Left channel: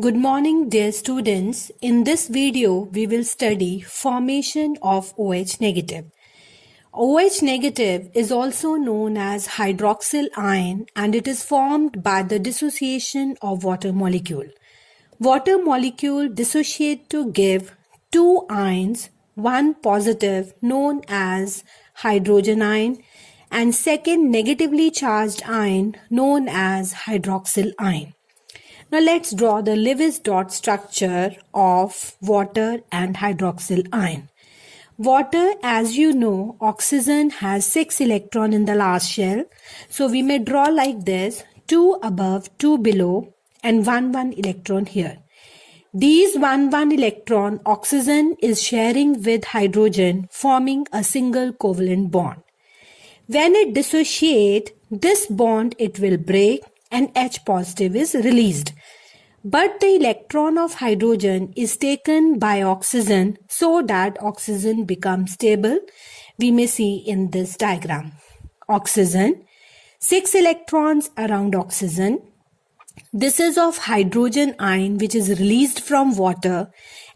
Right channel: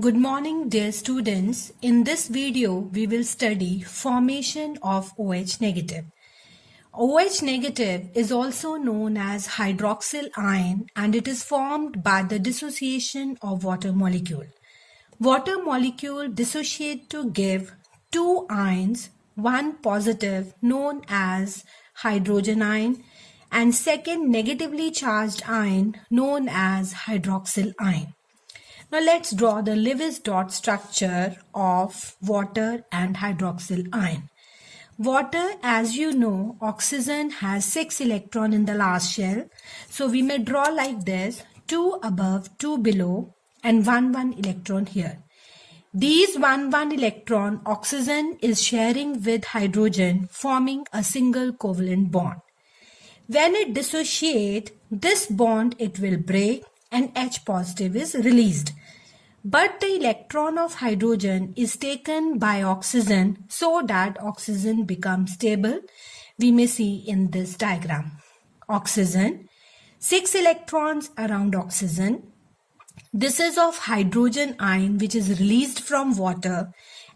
Good morning, dear students. In this video, we will study formation of OH negative. OH negative is also known as hydroxyl ion and it is formed by the dissociation of water molecule. Water molecule dissociate to give two ions, one positive known as hydrogen ion and second negatively charged ion known as hydroxyl ion. Now let's draw the Lewis dot structure of water and hydroxyl ion. Water, as you know, oxygen has 6 electrons in the last shell. So we may draw like this, 2 above, 2 below and 1 electron here. These 1 electron oxygen is sharing with hydrogen forming a single covalent bond. When it dissociates, this bond it will break and H positive is released. But the electron of hydrogen is taken by oxygen so that oxygen becomes stable. We may see in this diagram. Oxygen, 6 electrons around oxygen. This is of hydrogen ion which is released from water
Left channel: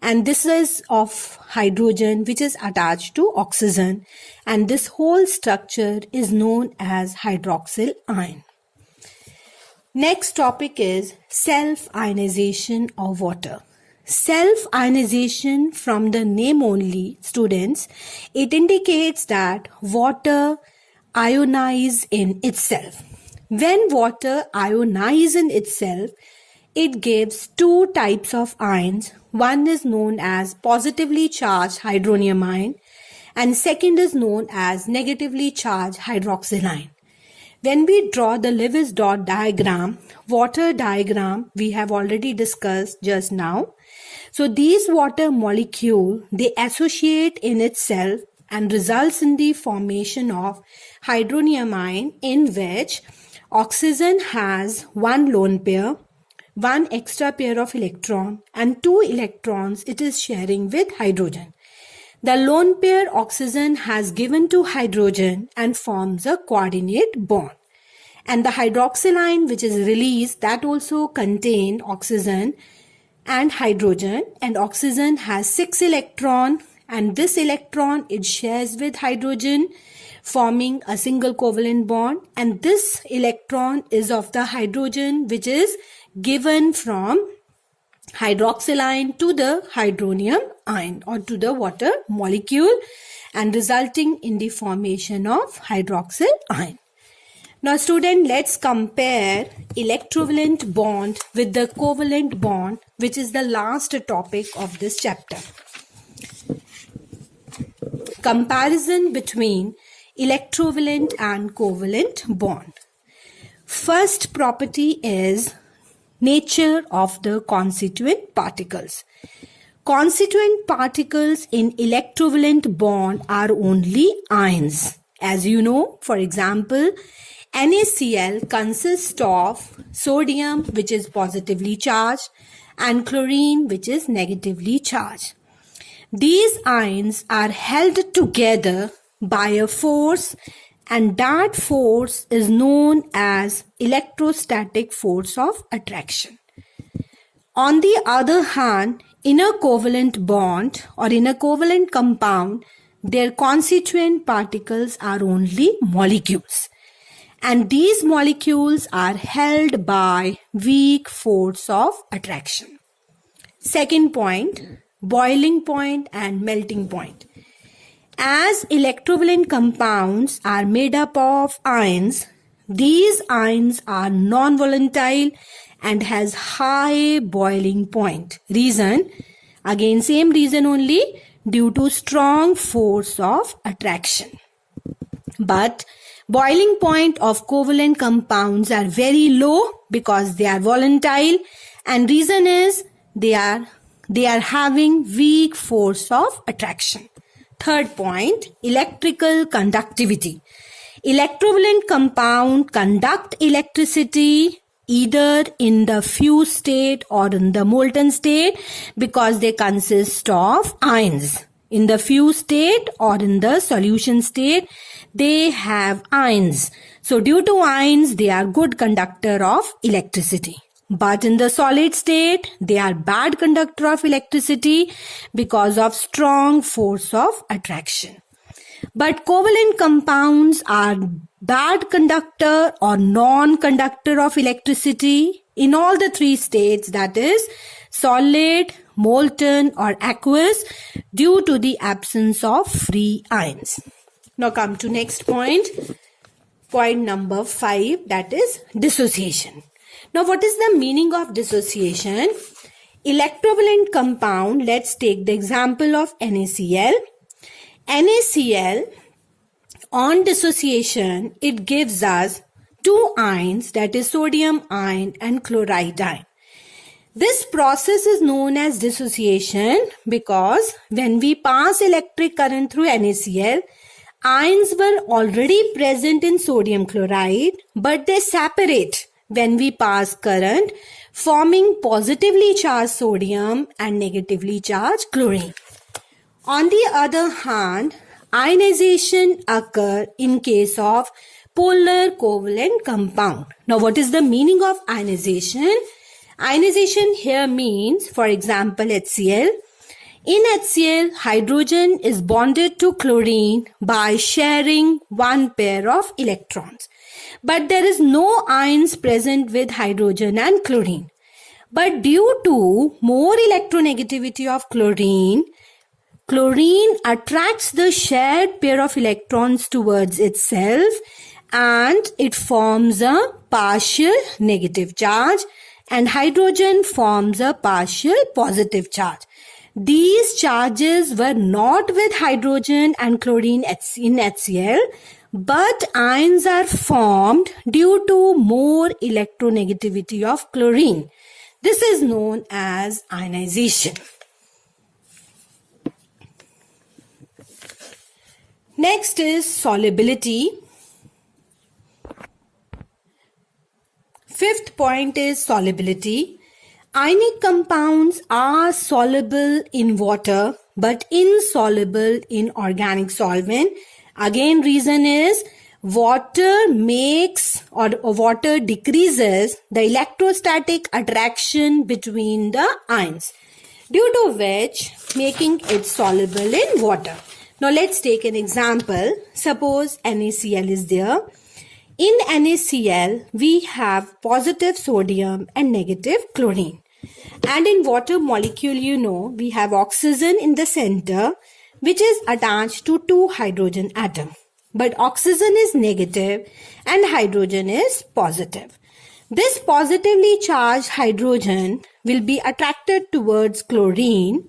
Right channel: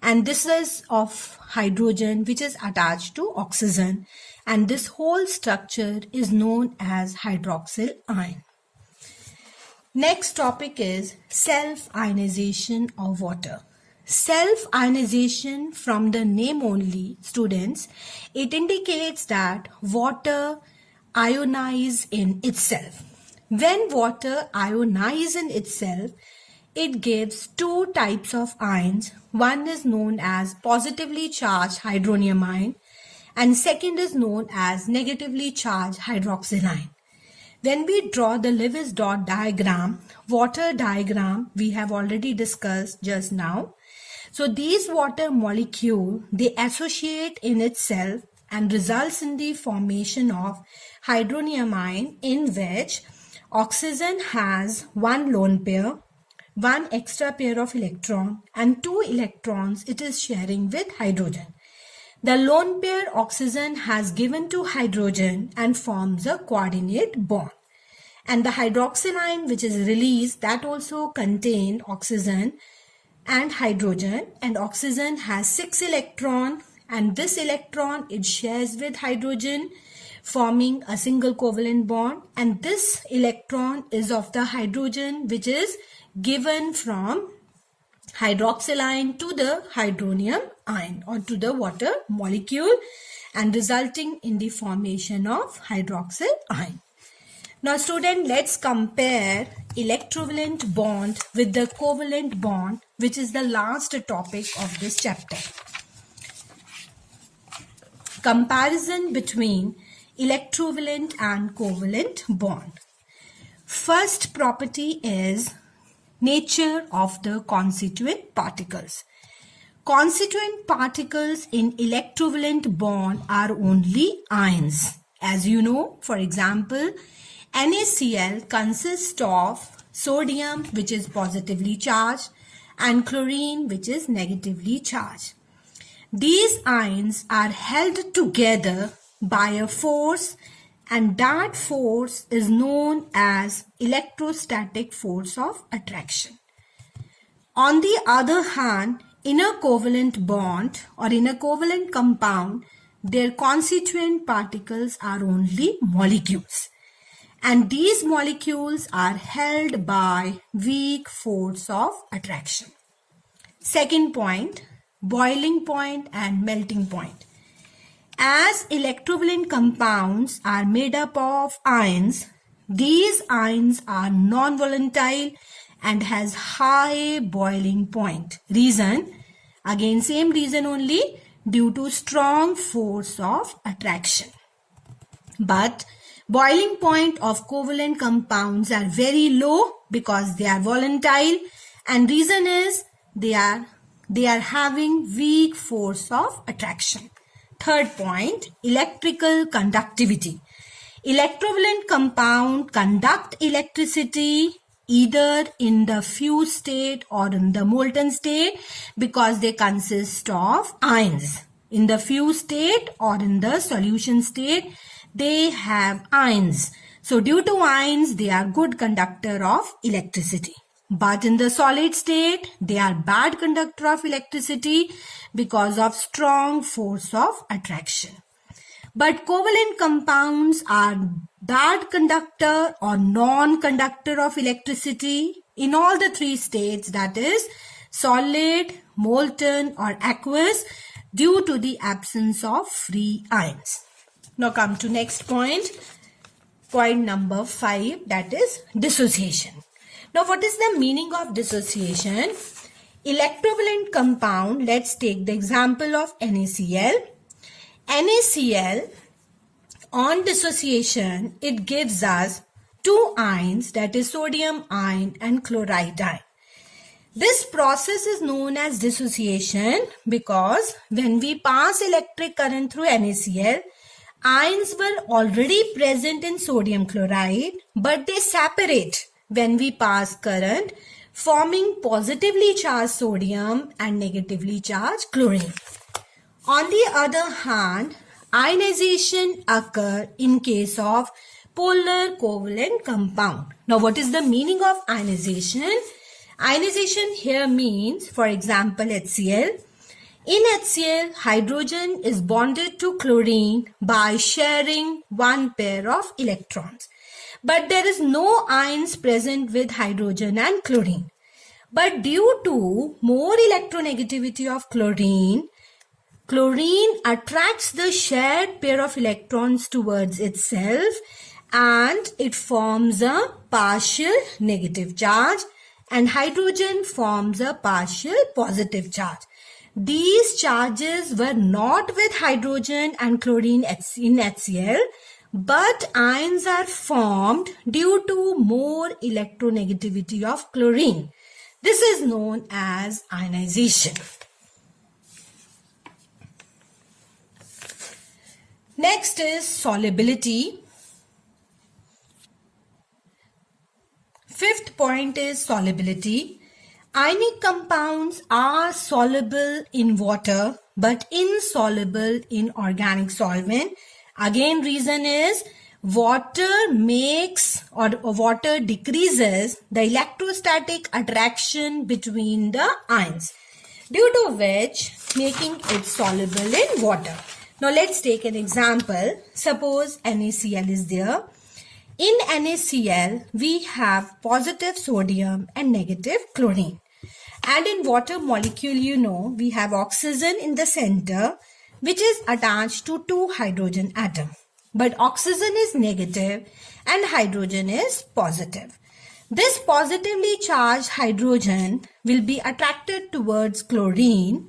and this is of hydrogen which is attached to oxygen and this whole structure is known as hydroxyl ion. Next topic is self-ionization of water. Self-ionization, from the name only, students, it indicates that water ionize in itself. When water ionize in itself, it gives two types of ions. One is known as positively charged hydronium ion and second is known as negatively charged hydroxyl ion. When we draw the Lewis dot diagram, water diagram, we have already discussed just now. So these water molecules, they associate in itself and results in the formation of hydronium ion in which oxygen has one lone pair, one extra pair of electron and 2 electrons it is sharing with hydrogen. The lone pair oxygen has given to hydrogen and forms a coordinate bond. And the hydroxyl ion which is released, that also contain oxygen and hydrogen, and oxygen has 6 electrons and this electron it shares with hydrogen forming a single covalent bond, and this electron is of the hydrogen which is given from hydroxyl ion to the hydronium ion or to the water molecule and resulting in the formation of hydroxyl ion. Now student, let's compare electrovalent bond with the covalent bond, which is the last topic of this chapter. Comparison between electrovalent and covalent bond. First property is nature of the constituent particles. Constituent particles in electrovalent bond are only ions. As you know, for example, NaCl consists of sodium which is positively charged and chlorine which is negatively charged. These ions are held together by a force and that force is known as electrostatic force of attraction. On the other hand, in a covalent bond or in a covalent compound, their constituent particles are only molecules. And these molecules are held by weak force of attraction. Second point, boiling point and melting point. As electrovalent compounds are made up of ions, these ions are non-volatile and has high boiling point. Reason, again same reason only, due to strong force of attraction. But boiling point of covalent compounds are very low because they are volatile, and reason is they are having weak force of attraction. Third point, electrical conductivity. Electrovalent compound conduct electricity either in the fused state or in the molten state because they consist of ions. In the fused state or in the solution state, they have ions. So due to ions, they are good conductor of electricity. But in the solid state, they are bad conductor of electricity because of strong force of attraction. But covalent compounds are bad conductor or non-conductor of electricity in all the three states, that is solid, molten or aqueous, due to the absence of free ions. Now come to next point. Point number 5, that is dissociation. Now what is the meaning of dissociation? Electrovalent compound, let's take the example of NaCl. NaCl, on dissociation, it gives us two ions, that is sodium ion and chloride ion. This process is known as dissociation because when we pass electric current through NaCl, ions were already present in sodium chloride, but they separate when we pass current, forming positively charged sodium and negatively charged chlorine. On the other hand, ionization occurs in case of polar covalent compound. Now, what is the meaning of ionization? Ionization here means, for example, HCl. In HCl, hydrogen is bonded to chlorine by sharing one pair of electrons. But there is no ions present with hydrogen and chlorine. But due to more electronegativity of chlorine attracts the shared pair of electrons towards itself and it forms a partial negative charge, and hydrogen forms a partial positive charge. These charges were not with hydrogen and chlorine in HCl, but ions are formed due to more electronegativity of chlorine. This is known as ionization. Next is solubility. Fifth point is solubility. Ionic compounds are soluble in water but insoluble in organic solvent. Again, reason is water decreases the electrostatic attraction between the ions, due to which making it soluble in water. Now let's take an example. Suppose NaCl is there. In NaCl, we have positive sodium and negative chlorine. And in water molecule, we have oxygen in the center, which is attached to two hydrogen atoms. But oxygen is negative and hydrogen is positive. This positively charged hydrogen will be attracted towards chlorine,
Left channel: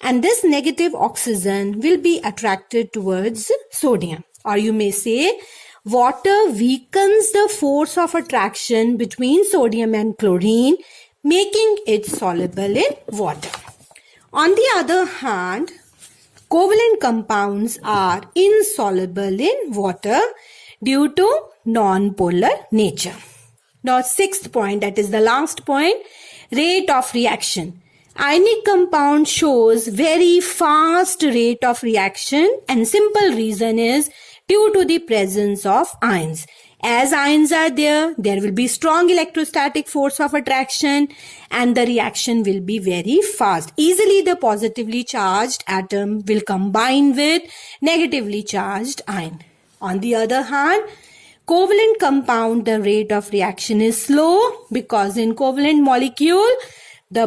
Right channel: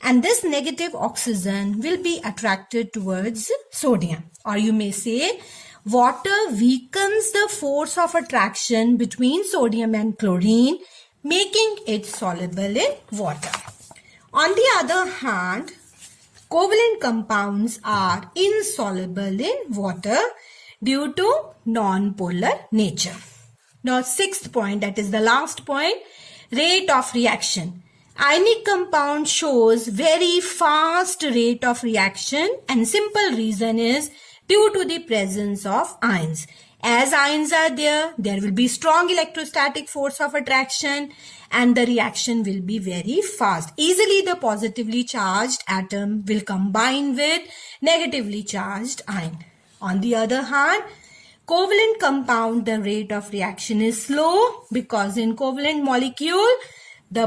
and this negative oxygen will be attracted towards sodium. Or you may say, water weakens the force of attraction between sodium and chlorine, making it soluble in water. On the other hand, covalent compounds are insoluble in water due to non-polar nature. Now, sixth point, that is the last point, rate of reaction. Ionic compound shows very fast rate of reaction, and simple reason is due to the presence of ions. As ions are there will be strong electrostatic force of attraction and the reaction will be very fast. Easily the positively charged atom will combine with negatively charged ion. On the other hand, covalent compound, the rate of reaction is slow because in covalent molecule, the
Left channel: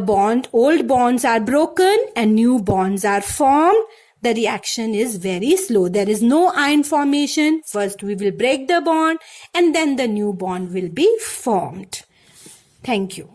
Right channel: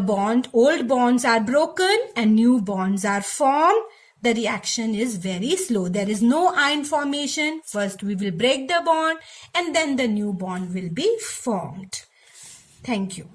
old bonds are broken and new bonds are formed. The reaction is very slow. There is no ion formation. First we will break the bond and then the new bond will be formed. Thank you.